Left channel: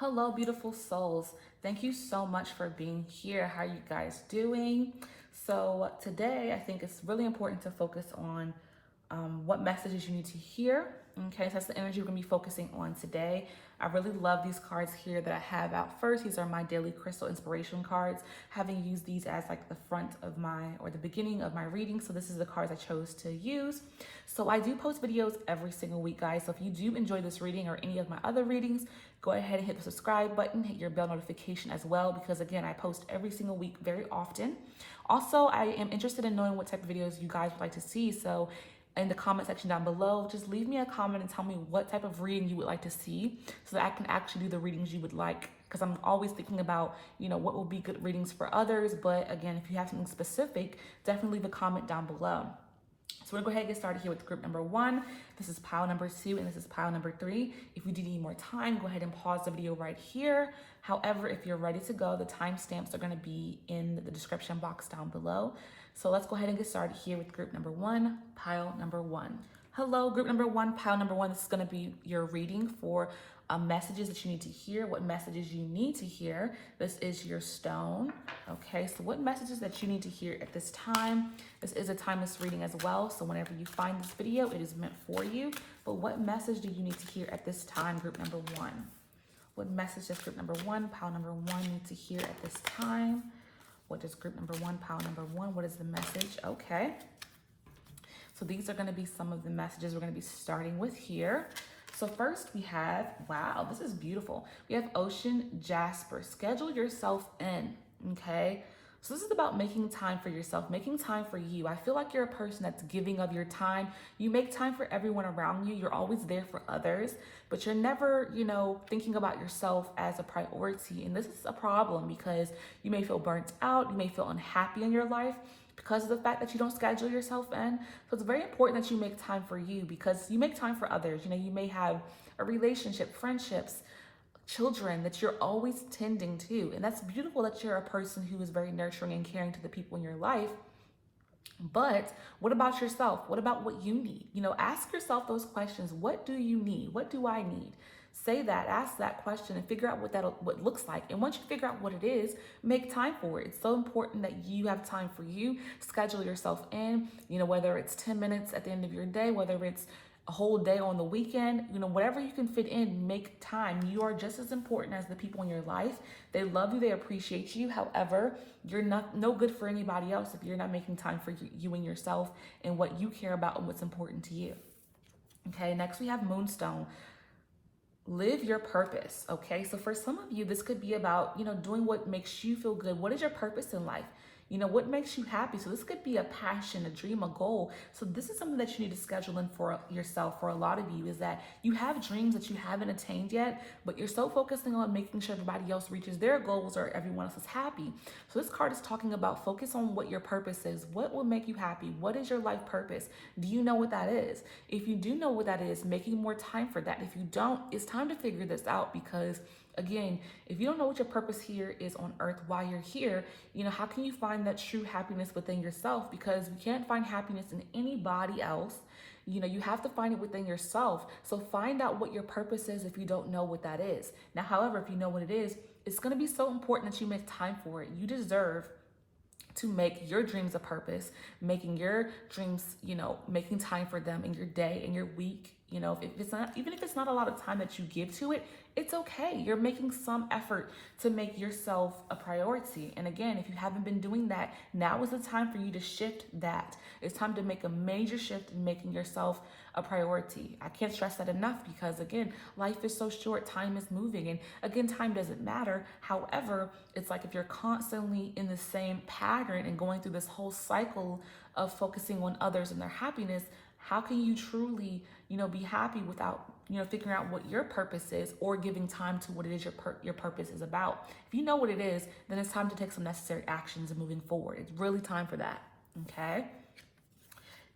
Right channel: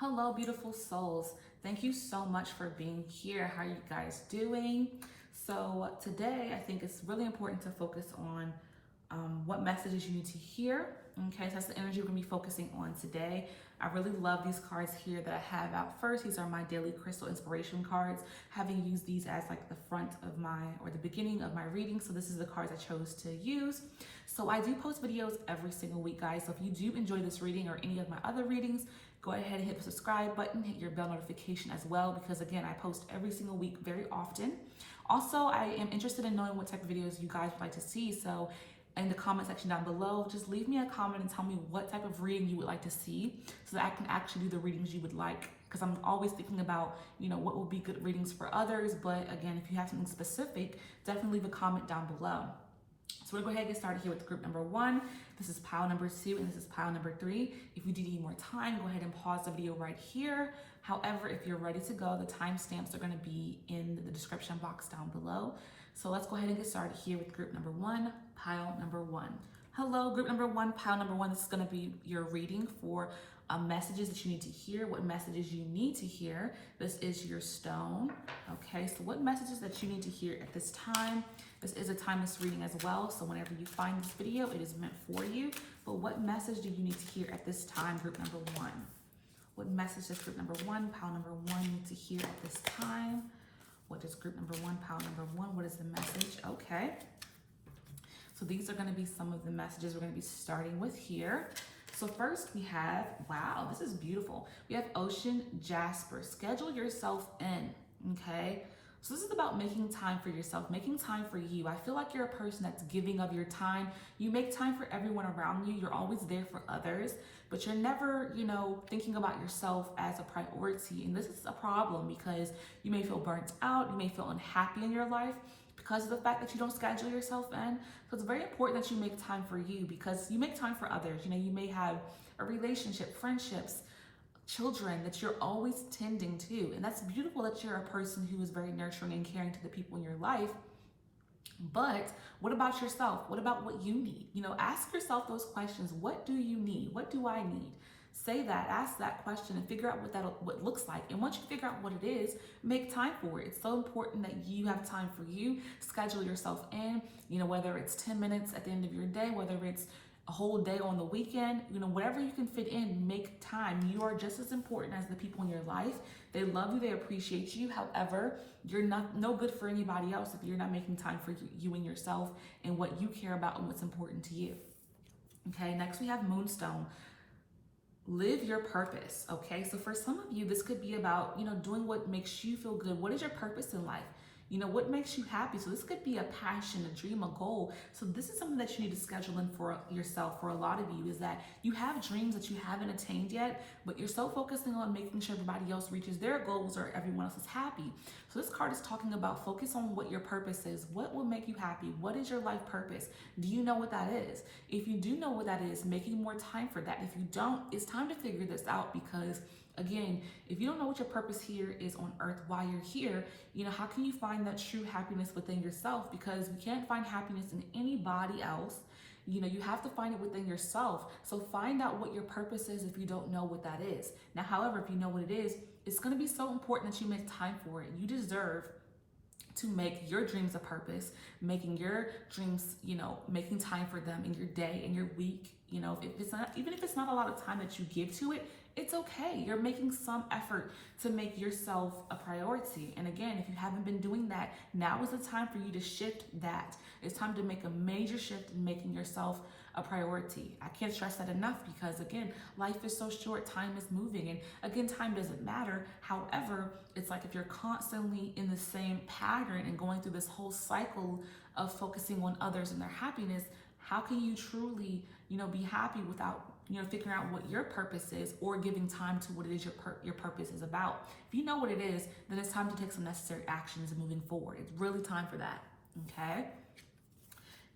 Hello, beautiful souls. Thank you so much for being here. How are you guys doing? So today, I think it's really important to focus on what messages you need to hear. Okay, so that's the energy we're gonna be focusing on today. I really love these cards here that I have out first. These are my daily crystal inspiration cards, having used these as like the front of or the beginning of my reading. So this is the cards I chose to use. So I do post videos every single week, guys. So if you do enjoy this reading or any of my other readings, go ahead and hit the subscribe button, hit your bell notification as well, because again, I post every single week very often. Also, I am interested in knowing what type of videos you guys would like to see. So in the comment section down below, just leave me a comment and tell me what type of reading you would like to see so that I can actually do the readings you would like, because I'm always thinking about, what will be good readings for others. But again, if you have something specific, definitely leave a comment down below. So we're gonna go ahead and get started here with group number 1. This is pile number 2 and this is pile number 3. If you do need more time, go ahead and pause the video right here. However, if you're ready to go, the timestamps are gonna be in the description box down below. So let's go ahead and get started here with group number 1, pile number 1. Hello, group number 1, pile number 1. This is gonna be your reading for messages that you need to hear, what messages you need to hear. This is your stone. Okay, so what messages that you need to hear at this time. This is a timeless reading as well, so whenever you find this video, it is meant for you. But what message do you need to hear at this time, group number 1? What message does group number 1, pile number 1 need to hear at this time? What does group number 1, pile number 1, what is the message? Okay. So these are going to be some of the messages we're going to be starting with here. So first we have, wow, this is beautiful. We have Ocean Jasper. Schedule yourself in, okay? So this is about making time for yourself, making time for you. I feel like you're a person that's giving of your time. You make time for everyone around you. You're always there for others, but you're never, thinking about yourself as a priority. And this is a problem because you may feel burnt out. You may feel unhappy in your life because of the fact that you don't schedule yourself in. So it's very important that you make time for you, because you make time for others. You may have a relationship, friendships, children that you're always tending to. And that's beautiful that you're a person who is very nurturing and caring to the people in your life. But what about yourself? What about what you need? Ask yourself those questions. What do you need? What do I need? Say that, ask that question, and figure out what looks like. And once you figure out what it is, make time for it. It's so important that you have time for you. Schedule yourself in, whether it's 10 minutes at the end of your day, whether it's a whole day on the weekend, whatever you can fit in, make time. You are just as important as the people in your life. They love you, they appreciate you. However, you're no good for anybody else if you're not making time for you and yourself and what you care about and what's important to you. Okay, next we have Moonstone. Live your purpose. Okay, so for some of you, this could be about, doing what makes you feel good. What is your purpose in life? What makes you happy? So this could be a passion, a dream, a goal. So this is something that you need to schedule in for yourself. For a lot of you, is that you have dreams that you haven't attained yet, but you're so focusing on making sure everybody else reaches their goals or everyone else is happy. So this card is talking about focus on what your purpose is. What will make you happy? What is your life purpose? Do you know what that is? If you do know what that is, making more time for that. If you don't, it's time to figure this out, because again, if you don't know what your purpose here is on earth while you're here, how can you find that true happiness within yourself? Because you can't find happiness in anybody else. You have to find it within yourself. So find out what your purpose is if you don't know what that is. Now, however, if you know what it is, it's going to be so important that you make time for it. You deserve to make your dreams a purpose, making your dreams, making time for them in your day, in your week. If it's not, even if it's not a lot of time that you give to it, it's okay. You're making some effort to make yourself a priority. And again, if you haven't been doing that, now is the time for you to shift that. It's time to make a major shift in making yourself a priority. I can't stress that enough, because again, life is so short, time is moving, and again, time doesn't matter. However, it's like if you're constantly in the same pattern and going through this whole cycle of focusing on others and their happiness, how can you truly, be happy without, figuring out what your purpose is or giving time to what it is your purpose is about? If you know what it is, then it's time to take some necessary actions and moving forward. It's really time for that, okay?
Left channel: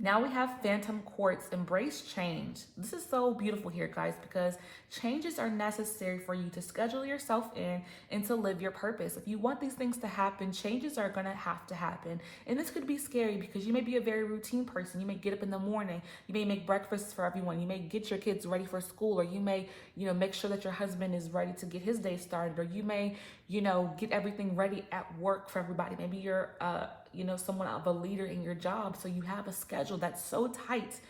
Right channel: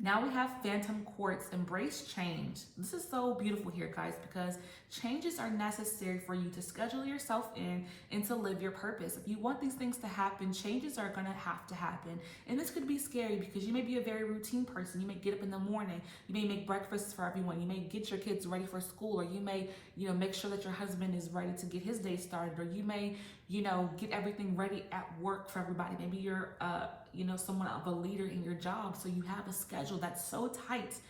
Now we have Phantom Quartz, embrace change. This is so beautiful here, guys, because changes are necessary for you to schedule yourself in and to live your purpose. If you want these things to happen, changes are gonna have to happen. And this could be scary because you may be a very routine person. You may get up in the morning, you may make breakfast for everyone, you may get your kids ready for school, or you may, make sure that your husband is ready to get his day started, or you may, get everything ready at work for everybody. Maybe you're someone of a leader in your job, so you have a schedule that's so tight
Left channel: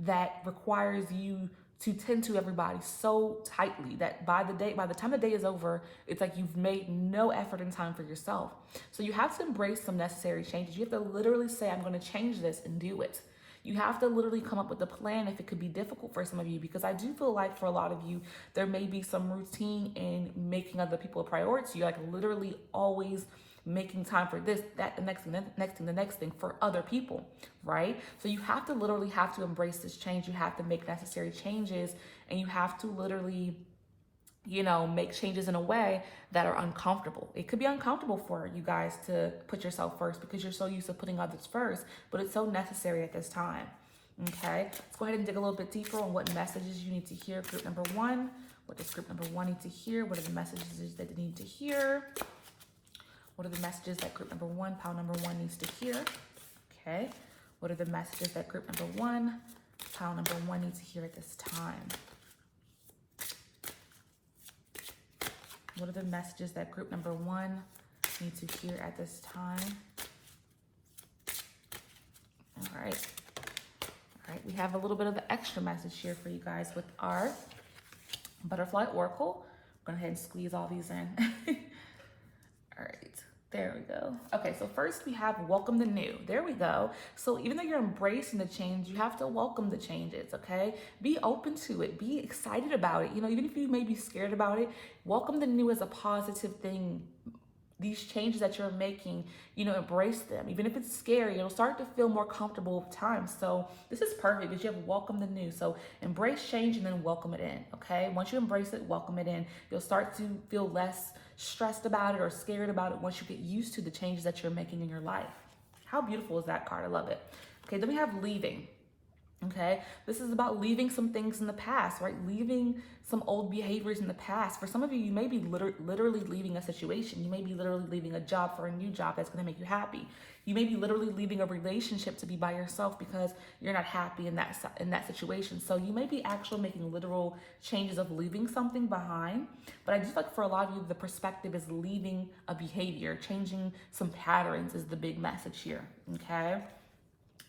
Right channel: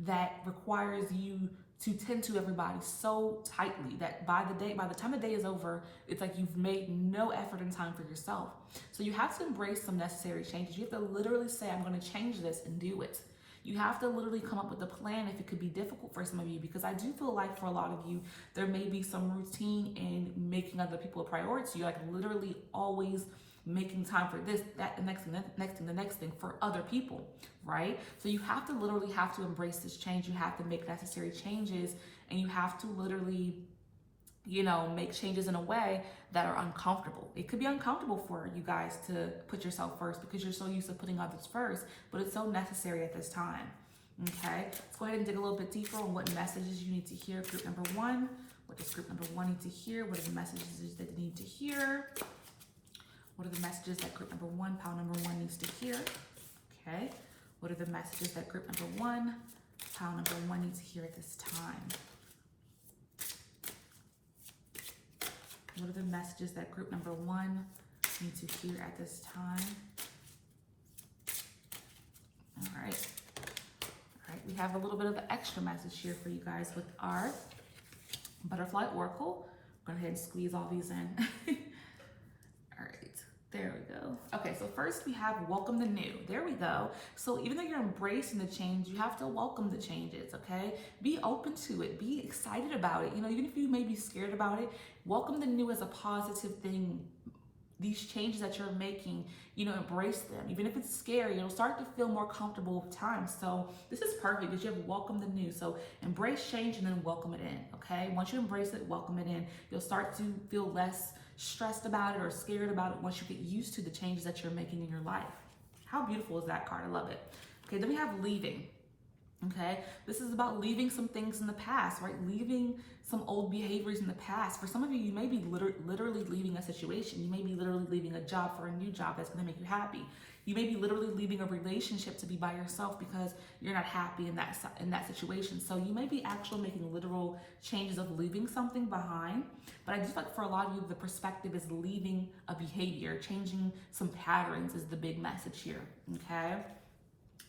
that requires you to tend to everybody so tightly that by the time the day is over, it's like you've made no effort and time for yourself. So you have to embrace some necessary changes. You have to literally say, I'm going to change this, and do it. You have to literally come up with a plan if it could be difficult for some of you, because I do feel like for a lot of you, there may be some routine in making other people a priority. You're like literally always making time for this, that, the next thing for other people, right? So you have to literally have to embrace this change. You have to make necessary changes, and you have to literally, make changes in a way that are uncomfortable. It could be uncomfortable for you guys to put yourself first because you're so used to putting others first, but it's so necessary at this time. Okay, let's go ahead and dig a little bit deeper on what messages you need to hear. Group number one, what does group number one need to hear? What are the messages that they need to hear? What are the messages that group number one, pile number one, needs to hear? Okay, what are the messages that group number one, pile number one, needs to hear at this time? What are the messages that group number one need to hear at this time? All right. All right, we have a little bit of an extra message here for you guys with our butterfly oracle. I'm going to go ahead and squeeze all these in. All right. There we go. Okay, so first we have welcome the new. There we go. So even though you're embracing the change, you have to welcome the changes, okay? Be open to it. Be excited about it. Even if you may be scared about it, welcome the new as a positive thing. These changes that you're making, embrace them. Even if it's scary, it'll start to feel more comfortable with time. So this is perfect because you have welcome the new. So embrace change and then welcome it in, okay? Once you embrace it, welcome it in, you'll start to feel less stressed about it or scared about it once you get used to the changes that you're making in your life. How beautiful is that card? I love it. Okay, then we have leaving. Okay, this is about leaving some things in the past, right? Leaving some old behaviors in the past. For some of you, you may be literally leaving a situation. You may be literally leaving a job for a new job that's going to make you happy. You may be literally leaving a relationship to be by yourself because you're not happy in that situation. So you may be actually making literal changes of leaving something behind. But I just like for a lot of you, the perspective is leaving a behavior, changing some patterns is the big message here. Okay.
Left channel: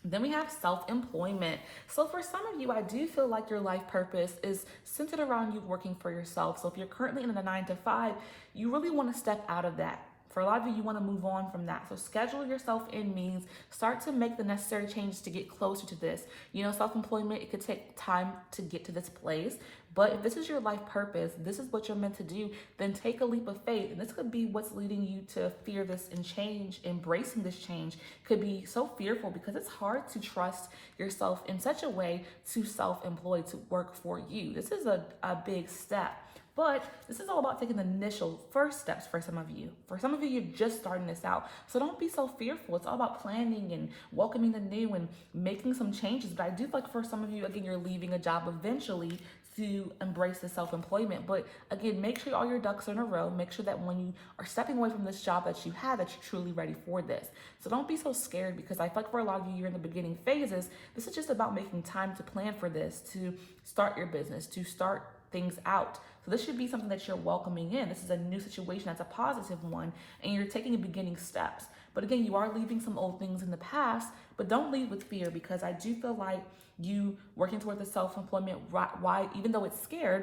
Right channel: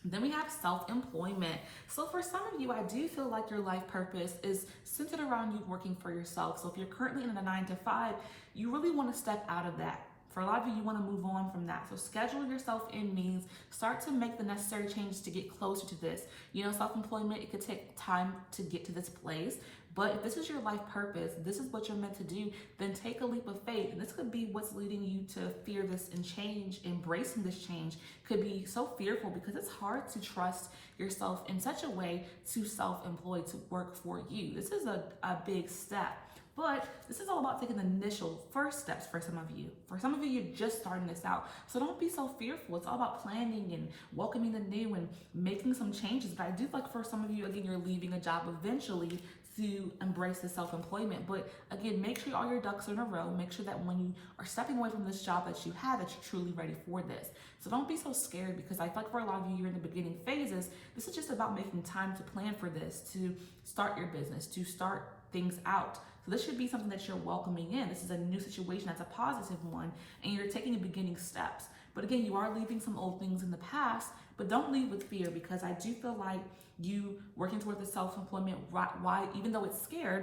Then we have self-employment. So for some of you, I do feel like your life purpose is centered around you working for yourself. So if you're currently in a 9-to-5, you really want to step out of that. For a lot of you, you want to move on from that. So schedule yourself in means start to make the necessary changes to get closer to this. Self-employment, it could take time to get to this place. But if this is your life purpose, this is what you're meant to do, then take a leap of faith. And this could be what's leading you to fear this and change. Embracing this change could be so fearful because it's hard to trust yourself in such a way to self-employ, to work for you. This is a big step. But this is all about taking the initial first steps for some of you. For some of you, you're just starting this out. So don't be so fearful. It's all about planning and welcoming the new and making some changes. But I do feel like for some of you, again, you're leaving a job eventually to embrace the self-employment. But again, make sure all your ducks are in a row. Make sure that when you are stepping away from this job that you have, that you're truly ready for this. So don't be so scared, because I feel like for a lot of you, you're in the beginning phases. This is just about making time to plan for this, to start your business, to start things out. So this should be something that you're welcoming in. This is a new situation that's a positive one, and you're taking beginning steps. But again, you are leaving some old things in the past, but don't leave with fear, because I do feel like you working towards the self-employment, why, even though it's scary,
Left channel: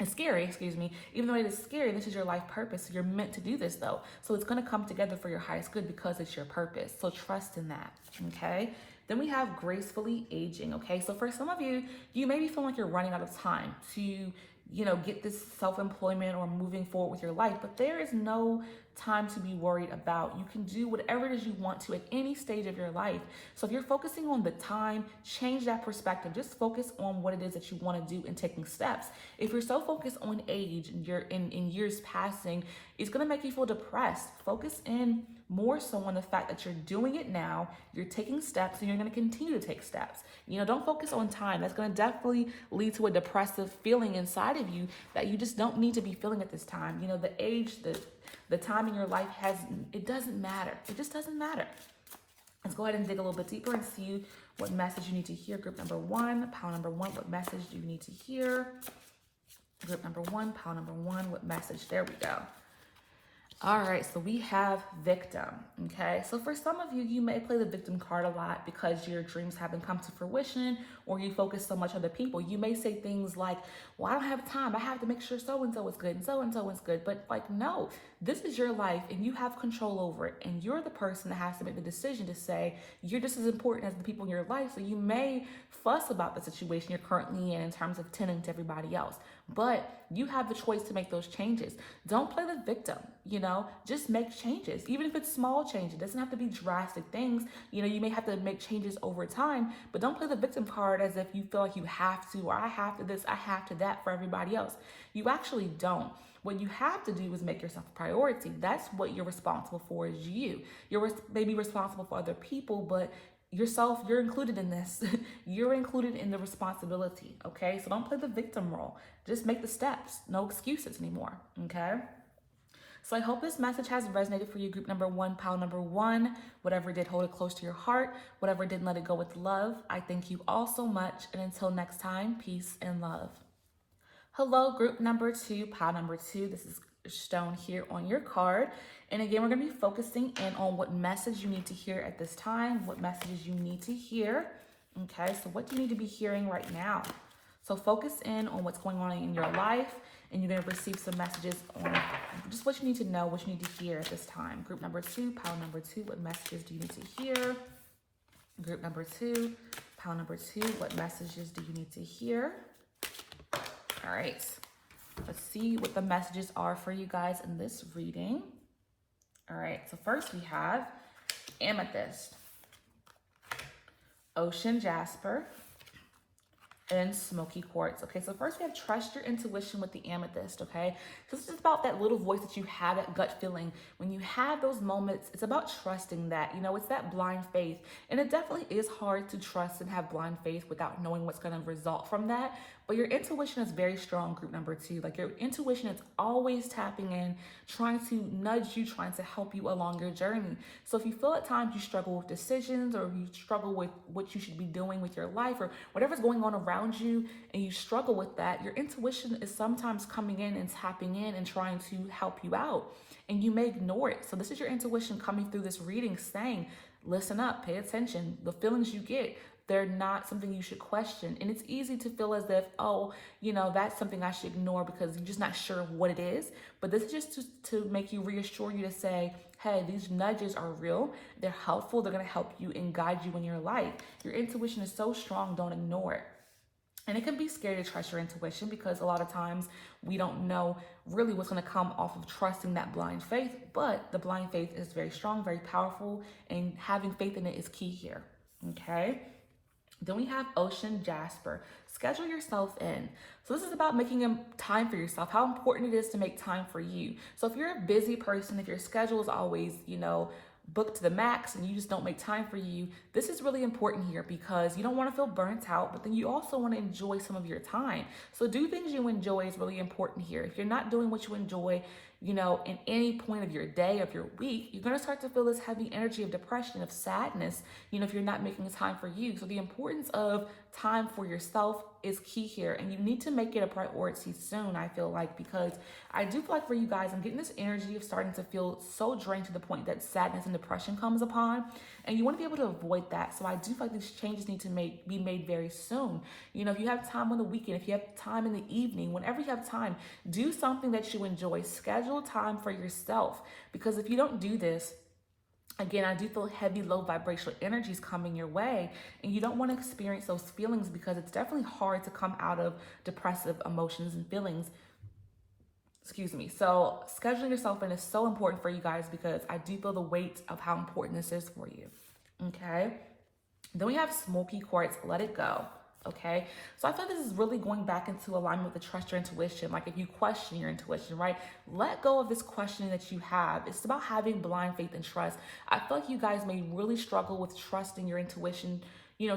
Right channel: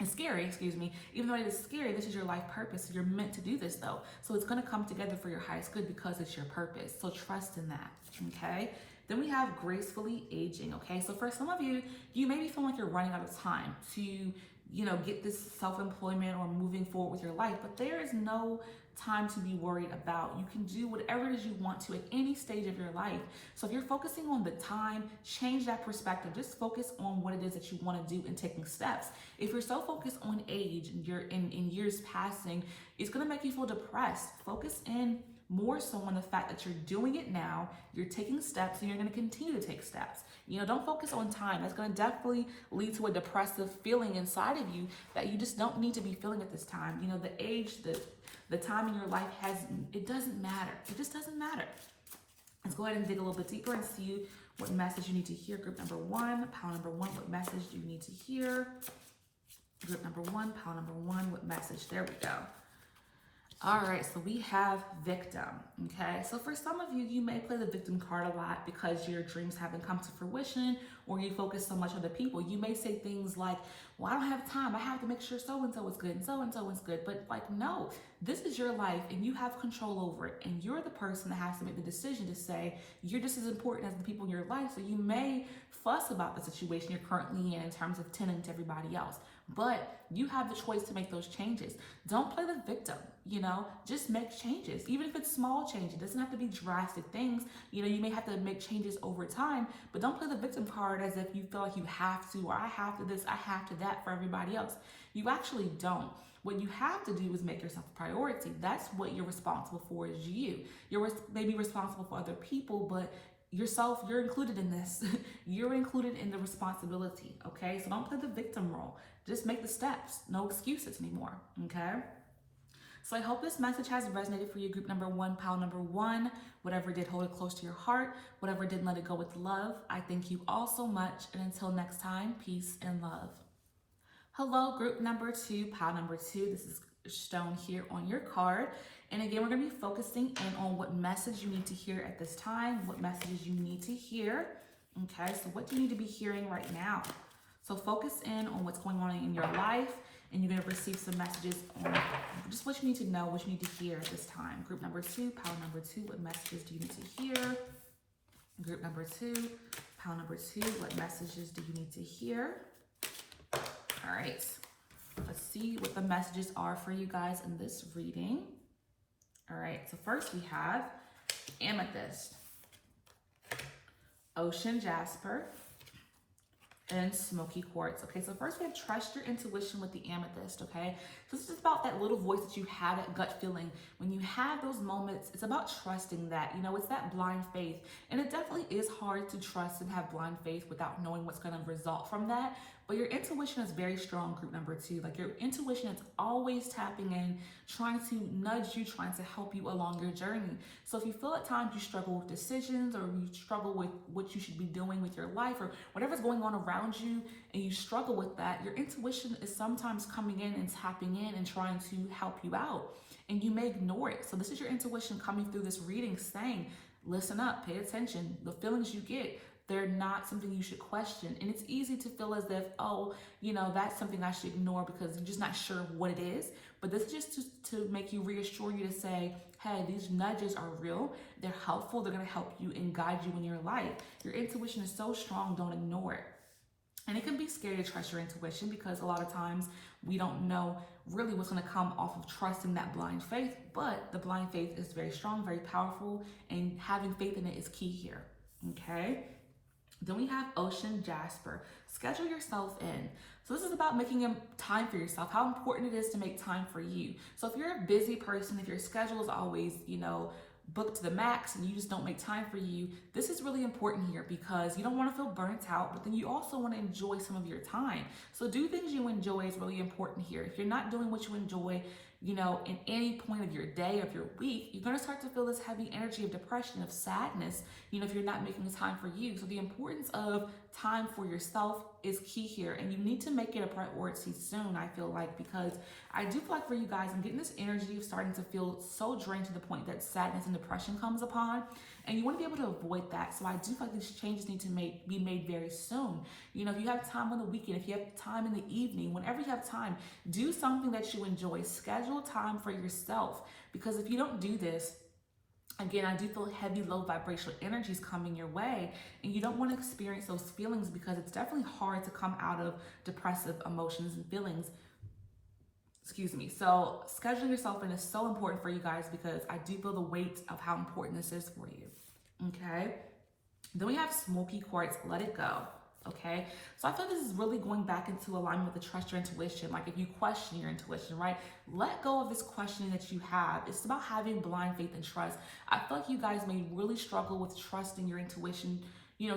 even though it is scary, this is your life purpose. So you're meant to do this though. So it's going to come together for your highest good because it's your purpose. So trust in that. Okay. Then we have gracefully aging. Okay. So for some of you, you may be feeling like you're running out of time to, get this self-employment or moving forward with your life, but there is no time to be worried about. You can do whatever it is you want to at any stage of your life. So if you're focusing on the time, change that perspective. Just focus on what it is that you want to do and taking steps. If you're so focused on age and you're in years passing, it's going to make you feel depressed. Focus in more so on the fact that you're doing it now, you're taking steps, and you're going to continue to take steps. Don't focus on time. That's going to definitely lead to a depressive feeling inside of you that you just don't need to be feeling at this time. The age, the time in your life it doesn't matter. It just doesn't matter. Let's go ahead and dig a little bit deeper and see what message you need to hear. Group number one, pile number one, what message do you need to hear? Group number one, pile number one, what message? There we go. All right, so we have victim, okay? So for some of you, you may play the victim card a lot because your dreams haven't come to fruition or you focus so much on the people. You may say things like, well, I don't have time. I have to make sure so-and-so is good and so-and-so is good. But no, this is your life and you have control over it. And you're the person that has to make the decision to say, you're just as important as the people in your life. So you may fuss about the situation you're currently in terms of tending to everybody else. But you have the choice to make those changes. Don't play the victim, just make changes. Even if it's small changes, it doesn't have to be drastic things. You may have to make changes over time, but don't play the victim card as if you feel like you have to, or I have to this, I have to that for everybody else. You actually don't. What you have to do is make yourself a priority. That's what you're responsible for is you. You're maybe responsible for other people, but yourself, you're included in this. You're included in the responsibility, okay? So don't play the victim role. Just make the steps. No excuses anymore, okay? So I hope this message has resonated for you, group number one, pile number one. Whatever did, hold it close to your heart. Whatever didn't, let it go with love. I thank you all so much. And until next time, peace and love. Hello, group number two, pile number two. This is shown here on your card. And again, we're going to be focusing in on what message you need to hear at this time, what messages you need to hear. Okay, so what do you need to be hearing right now? So focus in on what's going on in your life, and you're going to receive some messages on just what you need to know, what you need to hear at this time. Group number two, pile number two, what messages do you need to hear? Group number two, pile number two, what messages do you need to hear? All right, let's see what the messages are for you guys in this reading. All right, so first we have amethyst, ocean jasper, and smoky quartz. Okay, so first we have trust your intuition with the amethyst, okay? So this is about that little voice that you have, that gut feeling. When you have those moments, it's about trusting that, it's that blind faith. And it definitely is hard to trust and have blind faith without knowing what's gonna result from that. But your intuition is very strong, group number two. Like your intuition is always tapping in, trying to nudge you, trying to help you along your journey. So if you feel at times you struggle with decisions, or you struggle with what you should be doing with your life, or whatever's going on around you, and you struggle with that, your intuition is sometimes coming in and tapping in and trying to help you out. And you may ignore it. So this is your intuition coming through this reading saying, listen up, pay attention. The feelings you get, they're not something you should question. And it's easy to feel as if, that's something I should ignore because you're just not sure of what it is. But this is just to make you reassure you to say, hey, these nudges are real. They're helpful. They're going to help you and guide you in your life. Your intuition is so strong. Don't ignore it. And it can be scary to trust your intuition because a lot of times we don't know really what's going to come off of trusting that blind faith. But the blind faith is very strong, very powerful, and having faith in it is key here. Okay? Then we have ocean jasper. Schedule yourself in. So this is about making time for yourself, how important it is to make time for you. So if you're a busy person, if your schedule is always, booked to the max and you just don't make time for you, this is really important here because you don't want to feel burnt out, but then you also want to enjoy some of your time. So do things you enjoy is really important here. If you're not doing what you enjoy, in any point of your day, of your week, you're going to start to feel this heavy energy of depression, of sadness, if you're not making time for you. So the importance of time for yourself is key here. And you need to make it a priority soon, I feel like, because I do feel like for you guys, I'm getting this energy of starting to feel so drained to the point that sadness and depression comes upon. And you want to be able to avoid that. So I do feel like these changes need to be made very soon. If you have time on the weekend, if you have time in the evening, whenever you have time, do something that you enjoy. Schedule time for yourself. Because if you don't do this, again, I do feel heavy, low vibrational energies coming your way, and you don't want to experience those feelings because it's definitely hard to come out of depressive emotions and feelings. So scheduling yourself in is so important for you guys because I do feel the weight of how important this is for you. Okay. Then we have smoky quartz, let it go. Okay, so I feel like this is really going back into alignment with the trust your intuition. Like if you question your intuition, right? Let go of this questioning that you have. It's about having blind faith and trust. I feel like you guys may really struggle with trusting your intuition,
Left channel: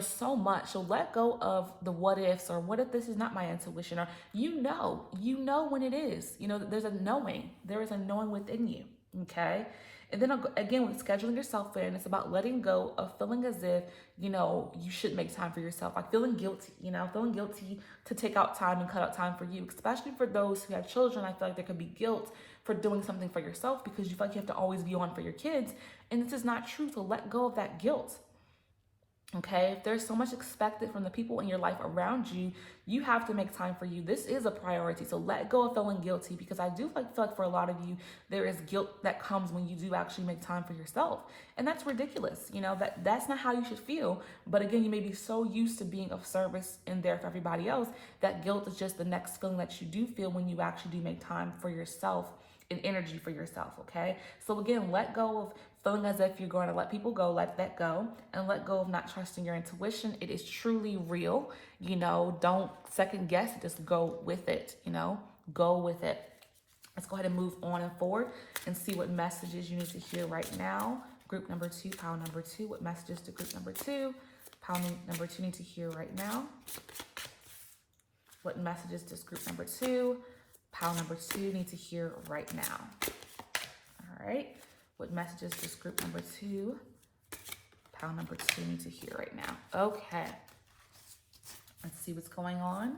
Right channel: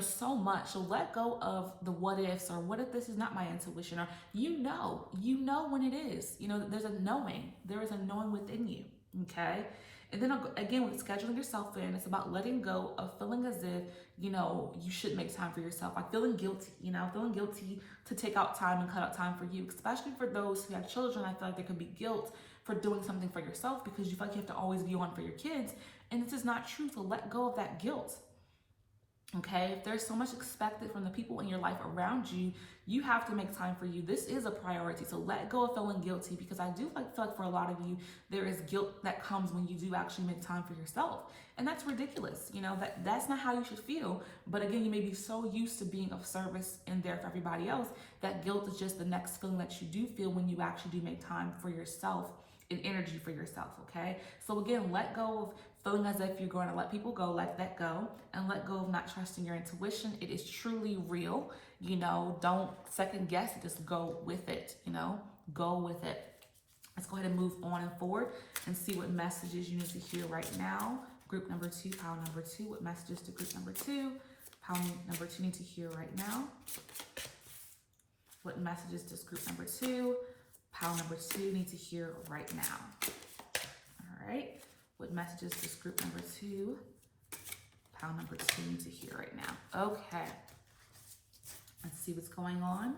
so much. So let go of the what ifs, or what if this is not my intuition, or you know when it is. There's a knowing. There is a knowing within you. Okay. And then again, with scheduling yourself in, it's about letting go of feeling as if, you should make time for yourself. Like feeling guilty, feeling guilty to take out time and cut out time for you, especially for those who have children. I feel like there could be guilt for doing something for yourself because you feel like you have to always be on for your kids. And this is not true. So let go of that guilt. Okay, if there's so much expected from the people in your life around you, you have to make time for you. This is a priority. So let go of feeling guilty, because I do feel like for a lot of you, there is guilt that comes when you do actually make time for yourself. And that's ridiculous. That's not how you should feel. But again, you may be so used to being of service and there for everybody else that guilt is just the next feeling that you do feel when you actually do make time for yourself and energy for yourself. Okay, so again, let go of feeling as if you're going to let people go. Let that go, and let go of not trusting your intuition. It is truly real. Don't second guess it. Just go with it. Go with it. Let's go ahead and move on and forward and see what messages you need to hear right now. Group number 2, pile number 2. What messages to group number 2? Pile number 2 need to hear right now. What messages does group number 2? Pile number 2 need to hear right now. All right. What messages does group number 2, pile number 2 need to hear right now? Okay. Let's see what's going on.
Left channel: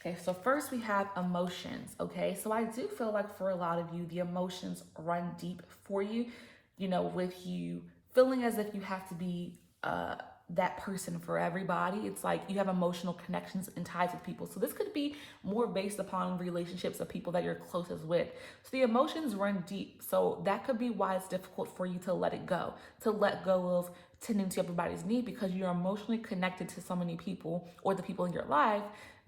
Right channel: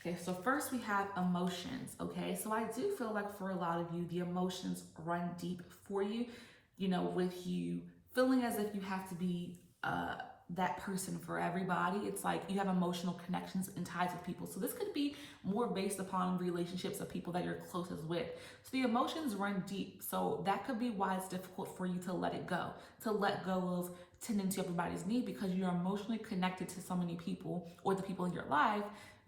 Okay, so first we have emotions. Okay, so I do feel like for a lot of you, the emotions run deep for you, with you feeling as if you have to be that person for everybody. It's like you have emotional connections and ties with people. So this could be more based upon relationships of people that you're closest with. So the emotions run deep. So that could be why it's difficult for you to let it go, to let go of tending to everybody's need, because you're emotionally connected to so many people, or the people in your life,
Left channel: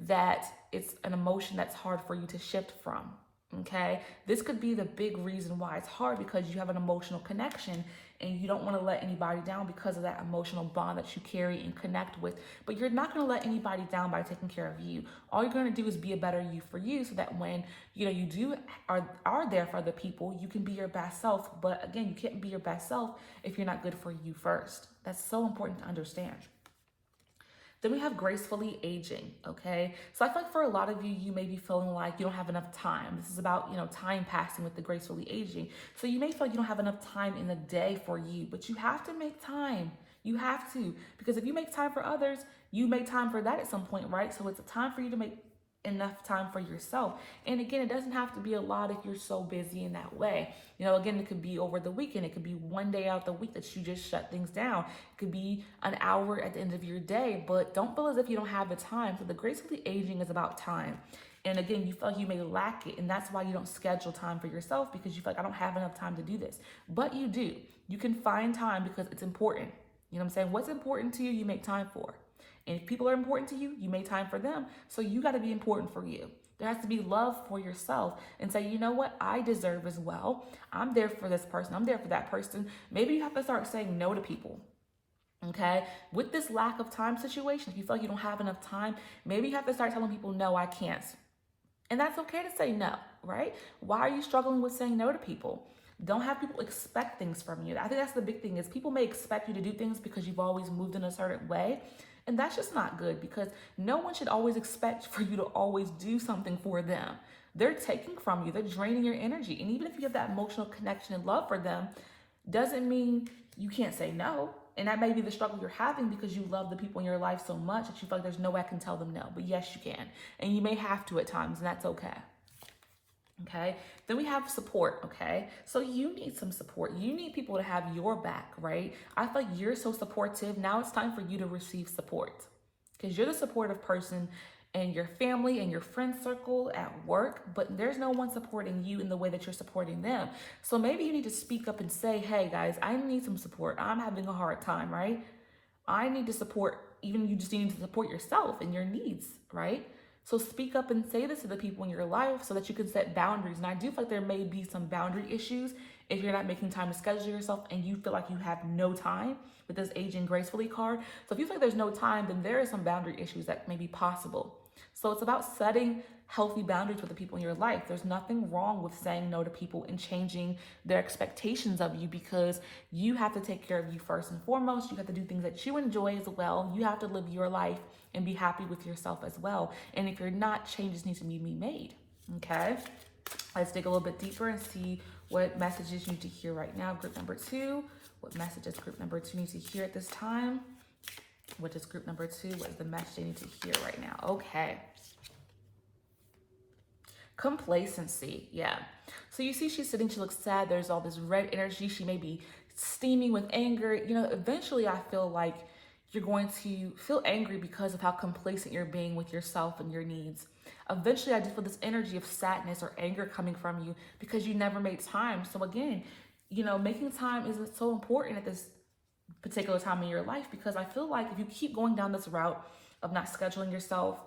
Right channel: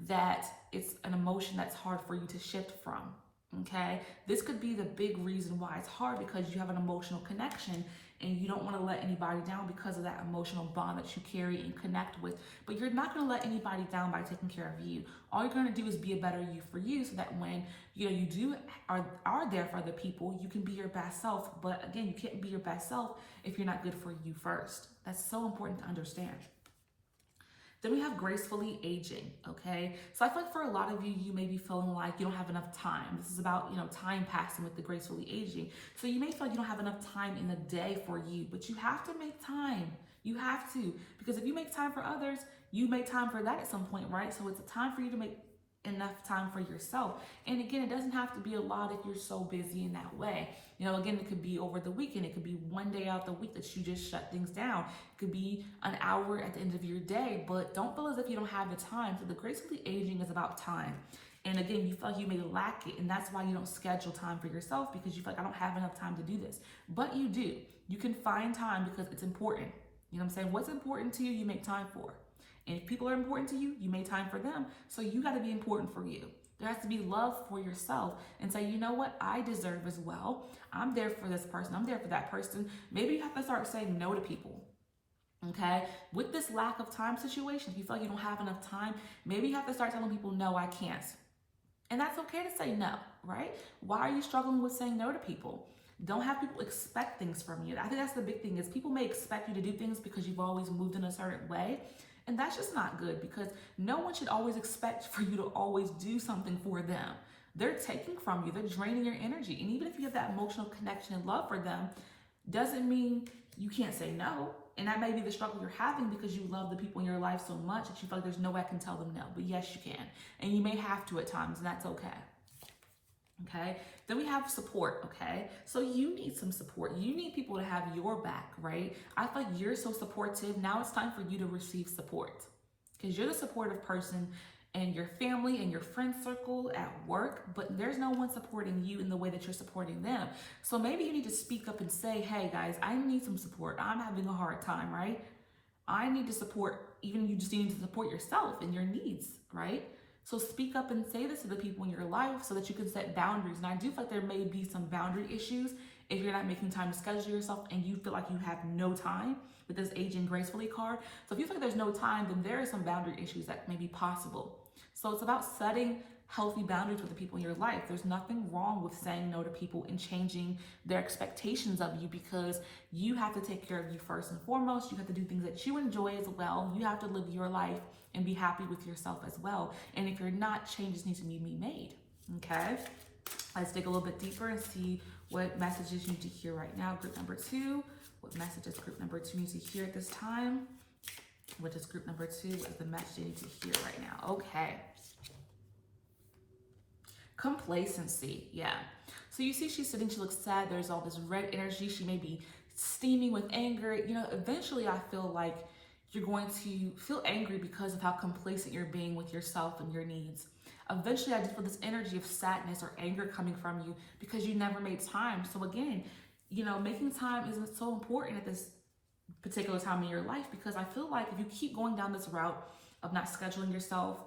that it's an emotion that's hard for you to shift from. Okay, this could be the big reason why it's hard, because you have an emotional connection and you don't want to let anybody down because of that emotional bond that you carry and connect with. But you're not going to let anybody down by taking care of you. All you're going to do is be a better you for you, so that when you are there for other people, you can be your best self. But again, you can't be your best self if you're not good for you first. That's so important to understand. Then we have gracefully aging, okay? So I feel like for a lot of you, you may be feeling like you don't have enough time. This is about, time passing with the gracefully aging. So you may feel like you don't have enough time in the day for you, but you have to make time. You have to, because if you make time for others, you make time for that at some point, right? So it's a time for you to make enough time for yourself. And again, it doesn't have to be a lot if you're so busy in that way. Again, it could be over the weekend. It could be one day out the week that you just shut things down. It could be an hour at the end of your day, but don't feel as if you don't have the time. So the gracefully aging is about time. And again, you feel like you may lack it, and that's why you don't schedule time for yourself, because you feel like I don't have enough time to do this. But you do. You can find time because it's important. You know what I'm saying? What's important to you, you make time for. And if people are important to you, you make time for them. So you got to be important for you. There has to be love for yourself, and say, you know what, I deserve as well. I'm there for this person. I'm there for that person. Maybe you have to start saying no to people. Okay, with this lack of time situation, if you feel like you don't have enough time, maybe you have to start telling people, no, I can't. And that's okay to say no, right? Why are you struggling with saying no to people? Don't have people expect things from you. I think that's the big thing, is people may expect you to do things because you've always moved in a certain way. And that's just not good, because no one should always expect for you to always do something for them. They're taking from you. They're draining your energy. And even if you have that emotional connection and love for them, doesn't mean you can't say no. And that may be the struggle you're having, because you love the people in your life so much that you feel like there's no way I can tell them no. But yes, you can. And you may have to at times, and that's okay. Okay, then we have support. Okay, so you need some support. You need people to have your back, right? I feel like you're so supportive. Now it's time for you to receive support, because you're the supportive person in your family and your friend circle, at work, but there's no one supporting you in the way that you're supporting them. So maybe you need to speak up and say, hey guys, I need some support. I'm having a hard time, right? I need to support. Even you just need to support yourself and your needs, right? So speak up and say this to the people in your life so that you can set boundaries. And I do feel like there may be some boundary issues if you're not making time to schedule yourself and you feel like you have no time. with this aging gracefully card. So if you feel like there's no time, then there are some boundary issues that may be possible. So it's about setting healthy boundaries with the people in your life. There's nothing wrong with saying no to people and changing their expectations of you, because you have to take care of you first and foremost. You have to do things that you enjoy as well. You have to live your life and be happy with yourself as well. And if you're not, changes need to be made. Okay, let's dig a little bit deeper and see what messages you need to hear right now. Group number 2, what messages group number 2 needs to hear at this time? What is group number 2? What is the message they need to hear right now? Okay. Complacency, yeah. So you see she's sitting, she looks sad. There's all this red energy. She may be steaming with anger. You know, eventually I feel like you're going to feel angry because of how complacent you're being with yourself and your needs. Eventually I just feel this energy of sadness or anger coming from you because you never made time. So again, you know, making time isn't so important at this particular time in your life, because I feel like if you keep going down this route of not scheduling yourself,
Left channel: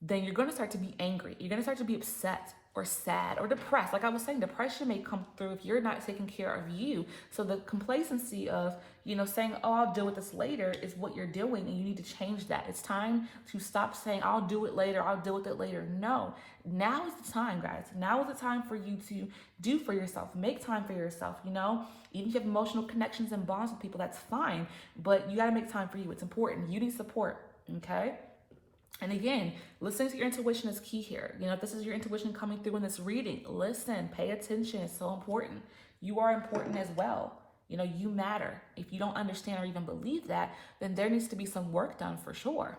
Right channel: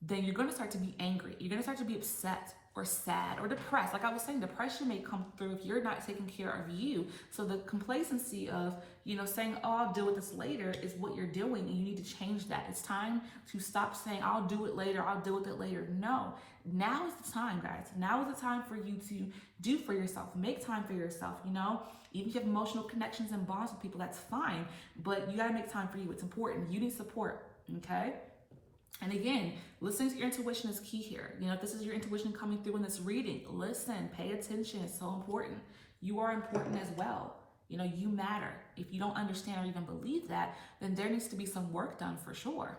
then you're going to start to be angry. You're going to start to be upset or sad or depressed. Like I was saying, depression may come through if you're not taking care of you. So the complacency of, you know, saying, oh, I'll deal with this later is what you're doing, and you need to change that. It's time to stop saying, I'll do it later, I'll deal with it later. No, now is the time, guys. Now is the time for you to do for yourself. Make time for yourself, you know? Even if you have emotional connections and bonds with people, that's fine. But you got to make time for you. It's important. You need support, okay? And again, listening to your intuition is key here. You know, if this is your intuition coming through in this reading, listen, pay attention. It's so important. You are important as well. You know, you matter. If you don't understand or even believe that, then there needs to be some work done for sure.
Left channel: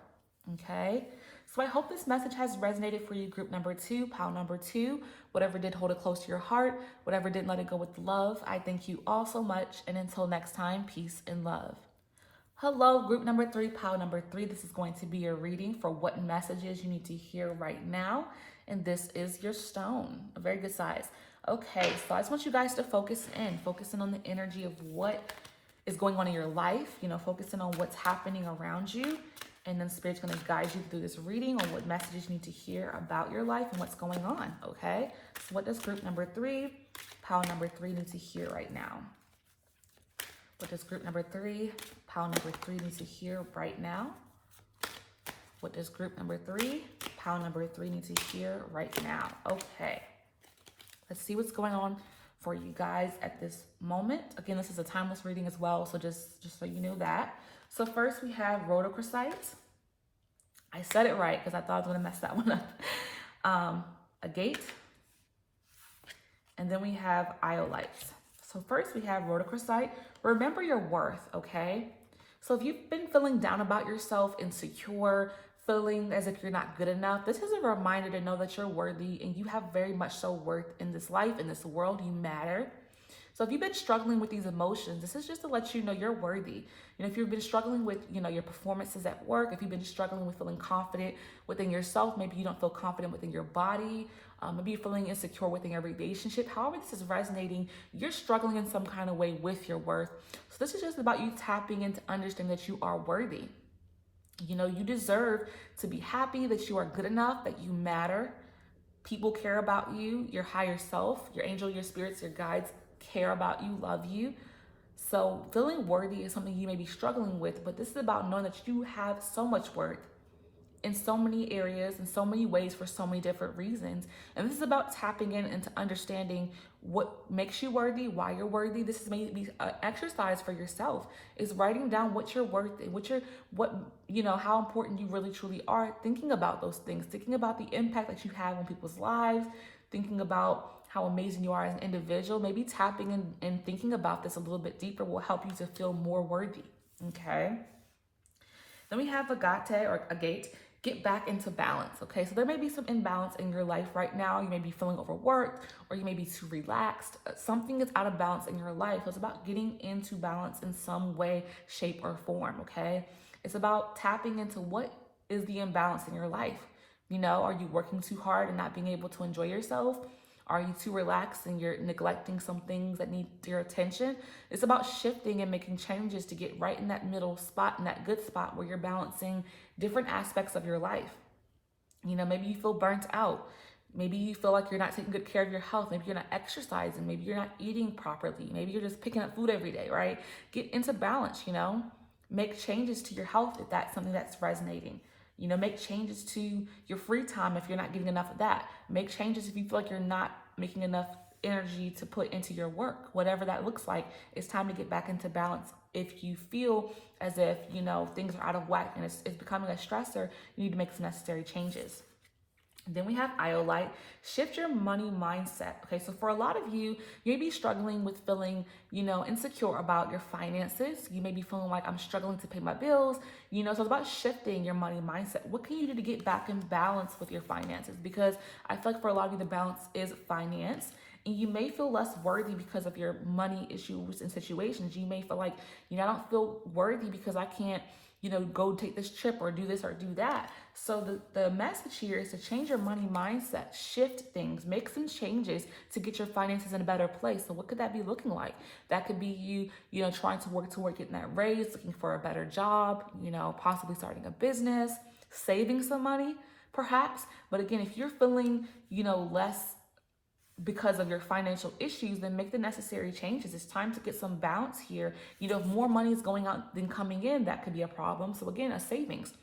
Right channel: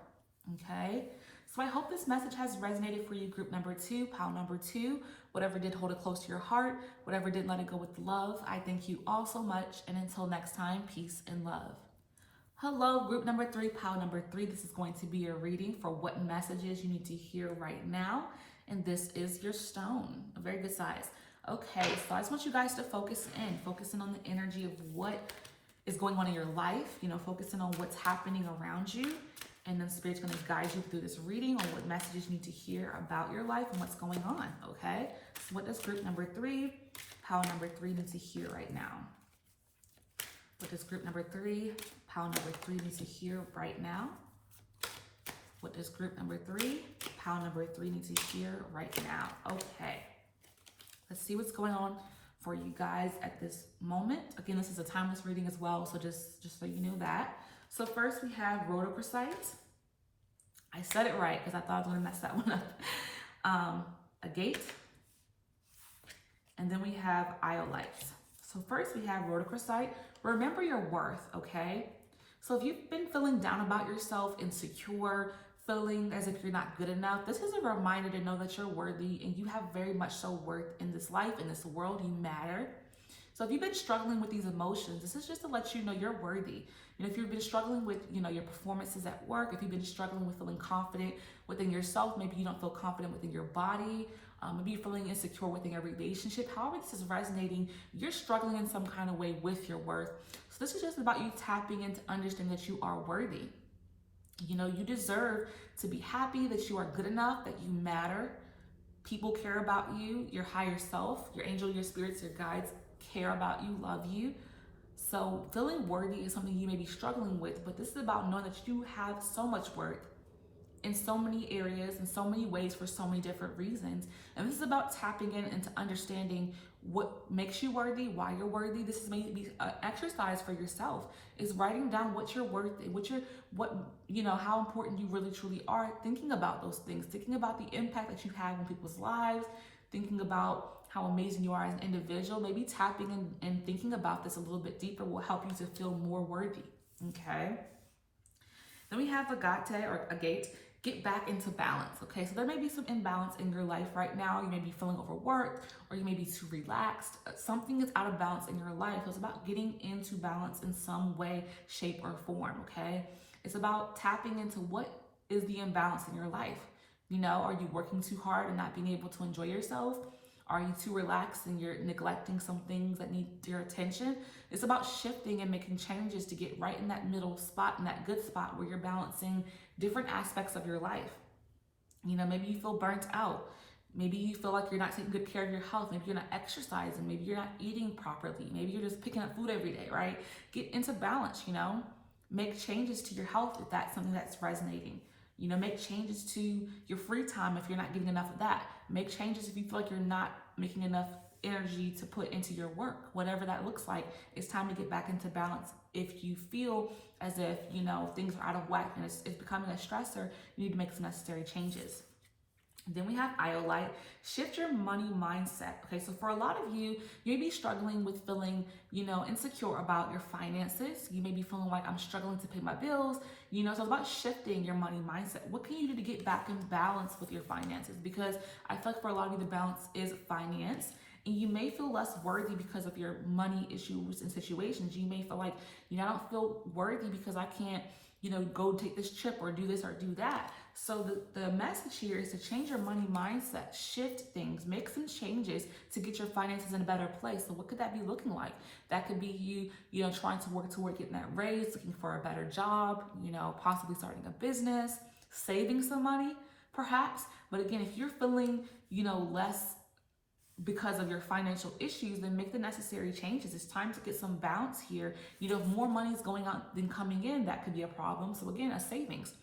Okay? So I hope this message has resonated for you, group number 2, pile number 2. Whatever did, hold it close to your heart. Whatever didn't, let it go with love. I thank you all so much. And until next time, peace and love. Hello, group number 3, pile number 3. This is going to be your reading for what messages you need to hear right now. And this is your stone, a very good size. Okay, so I just want you guys to focus in on the energy of what is going on in your life, you know, focusing on what's happening around you. And then Spirit's going to guide you through this reading on what messages you need to hear about your life and what's going on, okay? So what does group number 3, pile number 3 need to hear right now? What does group number 3, pile number 3 need to hear right now? What does group number 3, pile number 3 need to hear right now? Okay, let's see what's going on for you guys at this moment. Again, this is a timeless reading as well, so just so you know that. So first we have rhodochrosite. I said it right because I thought I was going to mess that one up. Agate. And then we have iolite. So first we have rhodochrosite. Remember your worth, okay? So if you've been feeling down about yourself, insecure, feeling as if you're not good enough, this is a reminder to know that you're worthy and you have very much so worth in this life, in this world. You matter. So if you've been struggling with these emotions, this is just to let you know you're worthy. You know, if you've been struggling with, you know, your performances at work, if you've been struggling with feeling confident within yourself, maybe you don't feel confident within your body, maybe you're feeling insecure within your relationship, however this is resonating, you're struggling in some kind of way with your worth. So this is just about you tapping into understanding that you are worthy. You know, you deserve to be happy, that you are good enough, that you matter. People care about you, your higher self, your angel, your spirits, your guides care about you, love you. So feeling worthy is something you may be struggling with, but this is about knowing that you have so much worth in so many areas, in so many ways, for so many different reasons. And this is about tapping in into understanding what makes you worthy, why you're worthy. This is maybe an exercise for yourself, is writing down what you're worth and how important you really truly are, thinking about those things, thinking about the impact that you have on people's lives, thinking about how amazing you are as an individual. Maybe tapping in and thinking about this a little bit deeper will help you to feel more worthy, okay? Then we have agate, get back into balance, okay? So there may be some imbalance in your life right now. You may be feeling overworked, or you may be too relaxed. Something is out of balance in your life. So it's about getting into balance in some way, shape, or form, okay? It's about tapping into what is the imbalance in your life. You know, are you working too hard and not being able to enjoy yourself? Are you too relaxed and you're neglecting some things that need your attention? It's about shifting and making changes to get right in that middle spot, in that good spot where you're balancing different aspects of your life. You know, maybe you feel burnt out. Maybe you feel like you're not taking good care of your health. Maybe you're not exercising. Maybe you're not eating properly. Maybe you're just picking up food every day, right? Get into balance, Make changes to your health if that's something that's resonating. Make changes to your free time if you're not getting enough of that. Make changes if you feel like you're not making enough energy to put into your work. Whatever that looks like, it's time to get back into balance. If you feel as if, things are out of whack and it's becoming a stressor, you need to make some necessary changes. Then we have IntroAide, shift your money mindset. Okay, so for a lot of you, you may be struggling with feeling, insecure about your finances. You may be feeling like I'm struggling to pay my bills, so it's about shifting your money mindset. What can you do to get back in balance with your finances? Because I feel like for a lot of you, the balance is finance. And you may feel less worthy because of your money issues and situations. You may feel like, I don't feel worthy because I can't, go take this trip or do this or do that. So the message here is to change your money mindset, shift things, make some changes to get your finances in a better place. So what could that be looking like? That could be you, trying to work toward getting that raise, looking for a better job, possibly starting a business, saving some money, perhaps. But again, if you're feeling, less because of your financial issues, then make the necessary changes. It's time to get some balance here. If more money is going out than coming in, that could be a problem. So again, a savings.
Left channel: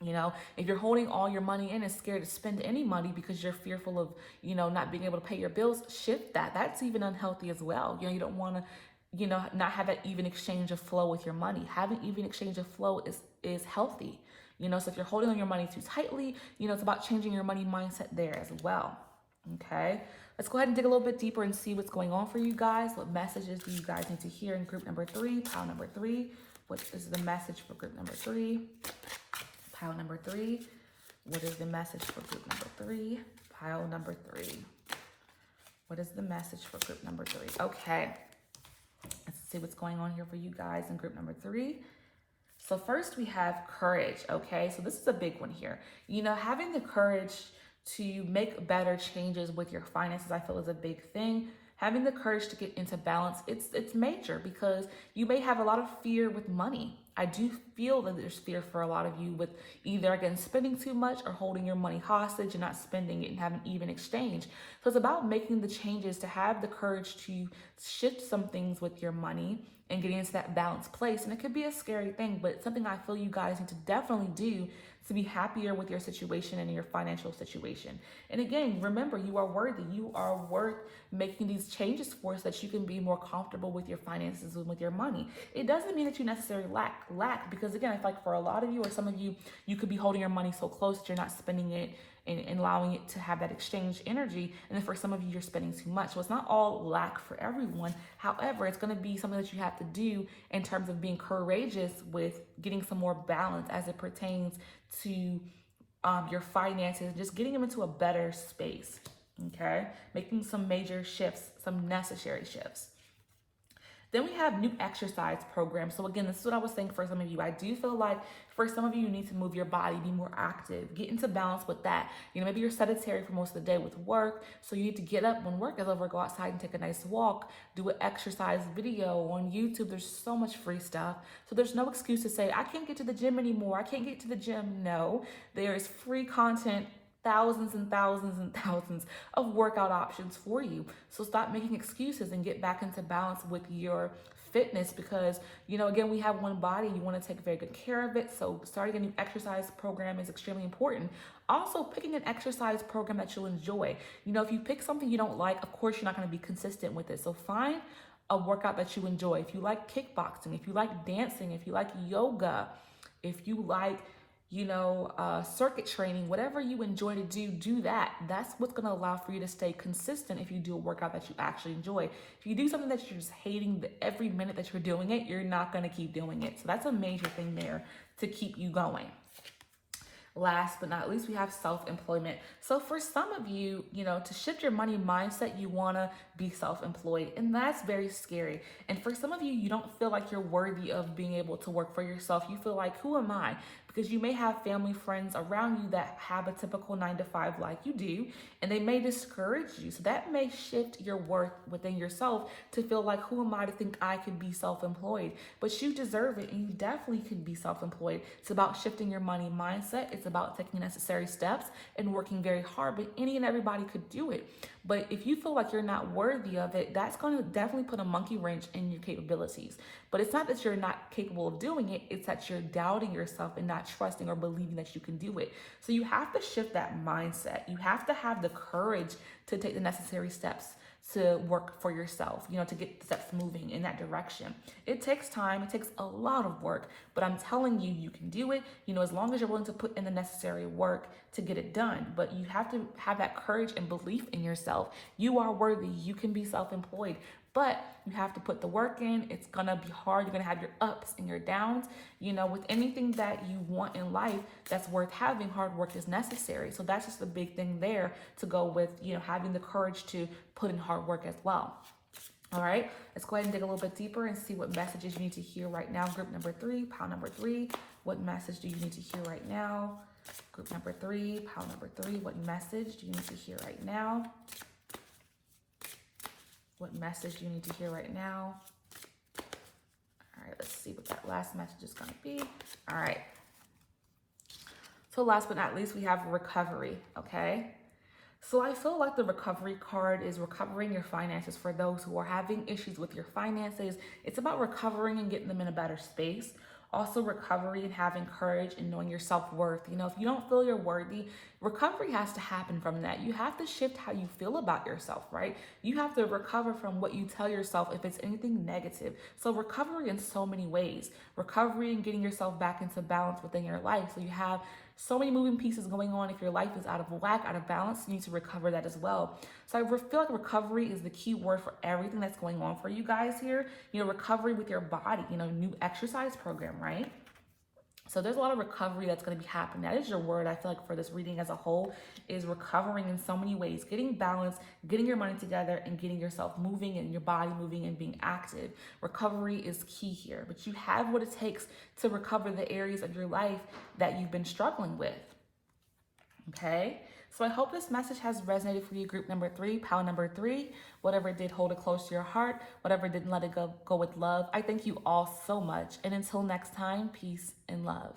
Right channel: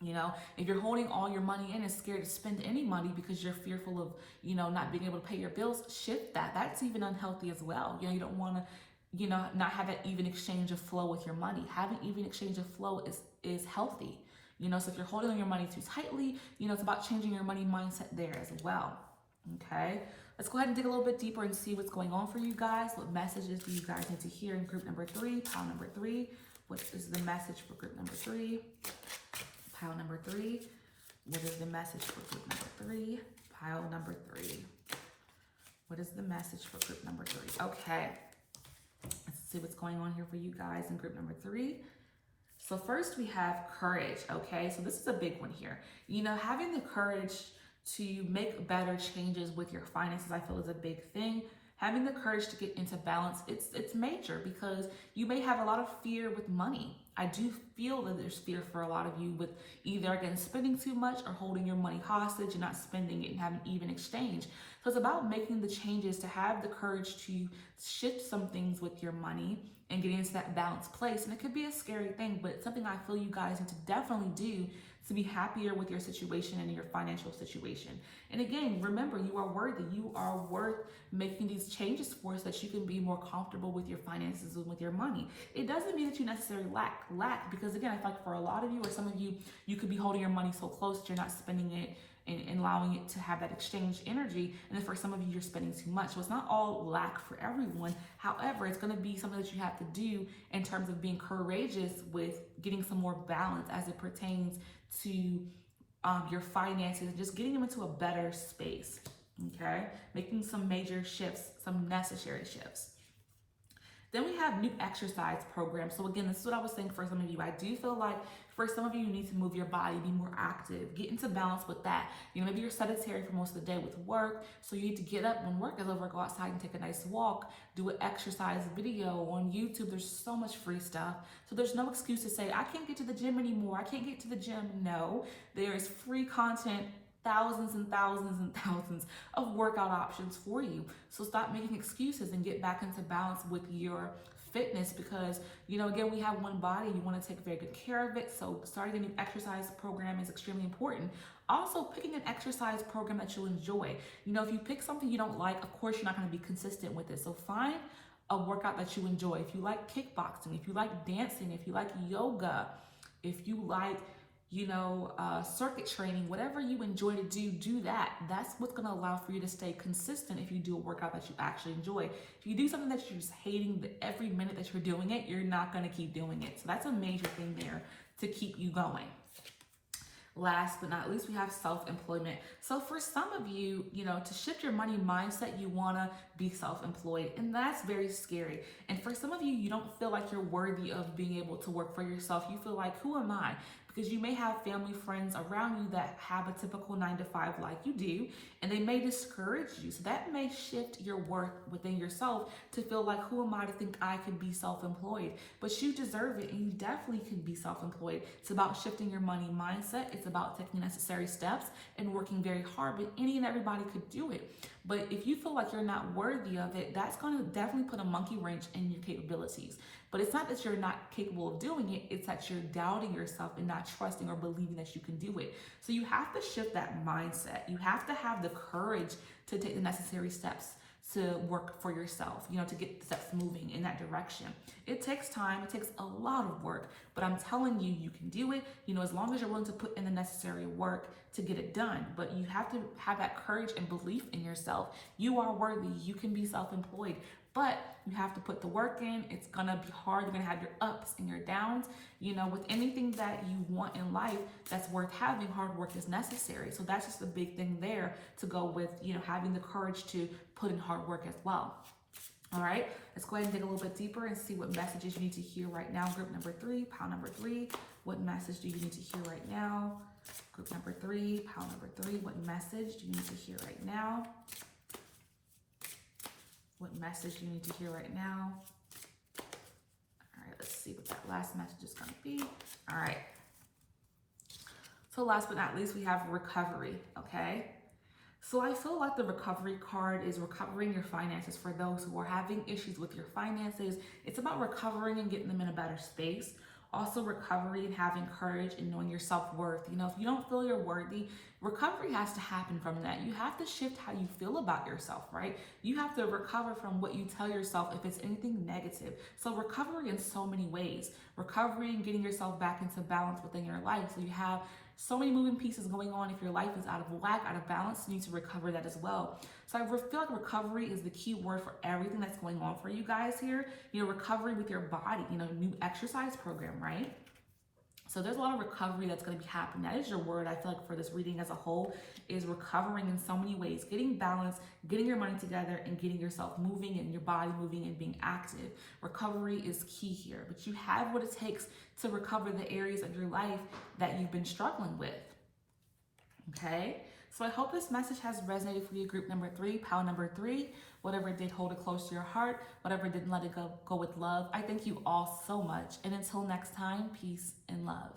If you're holding all your money in and scared to spend any money because you're fearful of, not being able to pay your bills, shift that. That's even unhealthy as well. You don't want to, not have that even exchange of flow with your money. Having even exchange of flow is healthy. So if you're holding on your money too tightly, it's about changing your money mindset there as well. Okay, let's go ahead and dig a little bit deeper and see what's going on for you guys. What messages do you guys need to hear in group number 3, pile number 3? What is the message for group number 3? Pile number 3. What is the message for group number 3? Pile number 3. What is the message for group number 3? Okay, let's see what's going on here for you guys in group number 3. So first we have courage. Okay, so this is a big one here. Having the courage to make better changes with your finances, I feel, is a big thing. Having the courage to get into balance, it's major because you may have a lot of fear with money. I do feel that there's fear for a lot of you with either, again, spending too much or holding your money hostage and not spending it and having even exchange. So it's about making the changes to have the courage to shift some things with your money and getting into that balanced place. And it could be a scary thing, but it's something I feel you guys need to definitely do to be happier with your situation and your financial situation. And again, remember, you are worthy. You are worth making these changes for so that you can be more comfortable with your finances and with your money. It doesn't mean that you necessarily lack, because again, I feel like for a lot of you or some of you, you could be holding your money so close that you're not spending it and allowing it to have that exchange energy. And then for some of you, you're spending too much. So it's not all lack for everyone. However, it's going to be something that you have to do in terms of being courageous with getting some more balance as it pertains to your finances, just getting them into a better space. Okay, making some major shifts, some necessary shifts. Then we have new exercise programs. So again, this is what I was saying for some of you. I do feel like for some of you, you need to move your body, be more active, get into balance with that. Maybe you're sedentary for most of the day with work. So you need to get up when work is over, go outside and take a nice walk, do an exercise video on YouTube. There's so much free stuff. So there's no excuse to say, I can't get to the gym anymore. I can't get to the gym. No, there is free content, thousands and thousands and thousands of workout options for you. So stop making excuses and get back into balance with your fitness because, again, we have one body. You want to take very good care of it. So starting a new exercise program is extremely important. Also, picking an exercise program that you'll enjoy. If you pick something you don't like, of course, you're not going to be consistent with it. So find a workout that you enjoy. If you like kickboxing, if you like dancing, if you like yoga, if you like circuit training, whatever you enjoy to do that. That's what's going to allow for you to stay consistent if you do a workout that you actually enjoy. If you do something that you're just hating every minute that you're doing it, you're not going to keep doing it. So that's a major thing there to keep you going. Last but not least, we have self-employment. So for some of you, to shift your money mindset, you want to be self-employed, and that's very scary. And for some of you, you don't feel like you're worthy of being able to work for yourself. You feel like, who am I? because you may have family, friends around you that have a typical 9 to 5 like you do, and they may discourage you. So that may shift your worth within yourself to feel like, who am I to think I can be self-employed? But you deserve it, and you definitely can be self-employed. It's about shifting your money mindset. It's about taking necessary steps and working very hard, but any and everybody could do it. But if you feel like you're not worthy of it, that's going to definitely put a monkey wrench in your capabilities. But it's not that you're not capable of doing it, it's that you're doubting yourself and not trusting or believing that you can do it. So you have to shift that mindset. You have to have the courage to take the necessary steps to work for yourself, to get the steps moving in that direction. It takes time, it takes a lot of work, but I'm telling you, you can do it, as long as you're willing to put in the necessary work to get it done. But you have to have that courage and belief in yourself. You are worthy, you can be self-employed, but you have to put the work in. It's gonna be hard. You're gonna have your ups and your downs. With anything that you want in life that's worth having, hard work is necessary. So that's just a big thing there to go with, having the courage to put in hard work as well. All right, let's go ahead and dig a little bit deeper and see what messages you need to hear right now. Group number 3, pile number 3, what message do you need to hear right now? Group number 3, pile number 3, what message do you need to hear right now? What message do you need to hear right now? All right, let's see what that last message is going to be. All right. So last but not least, we have recovery, okay? So I feel like the recovery card is recovering your finances for those who are having issues with your finances. It's about recovering and getting them in a better space. Also recovery and having courage and knowing your self-worth. If you don't feel you're worthy, recovery has to happen from that. You have to shift how you feel about yourself, right? You have to recover from what you tell yourself if it's anything negative. So recovery in so many ways. Recovery and getting yourself back into balance within your life. So you have so many moving pieces going on. If your life is out of whack, out of balance, you need to recover that as well. So I feel like recovery is the key word for everything that's going on for you guys here. Recovery with your body, new exercise program, right? So there's a lot of recovery that's going to be happening. That is your word, I feel like, for this reading as a whole, is recovering in so many ways. Getting balance, getting your money together, and getting yourself moving and your body moving and being active. Recovery is key here, but you have what it takes to recover the areas of your life that you've been struggling with. Okay? So I hope this message has resonated for you, group number 3, pile number 3. Whatever did, hold it close to your heart. Whatever didn't, let it go with love. I thank you all so much. And until next time, peace and love.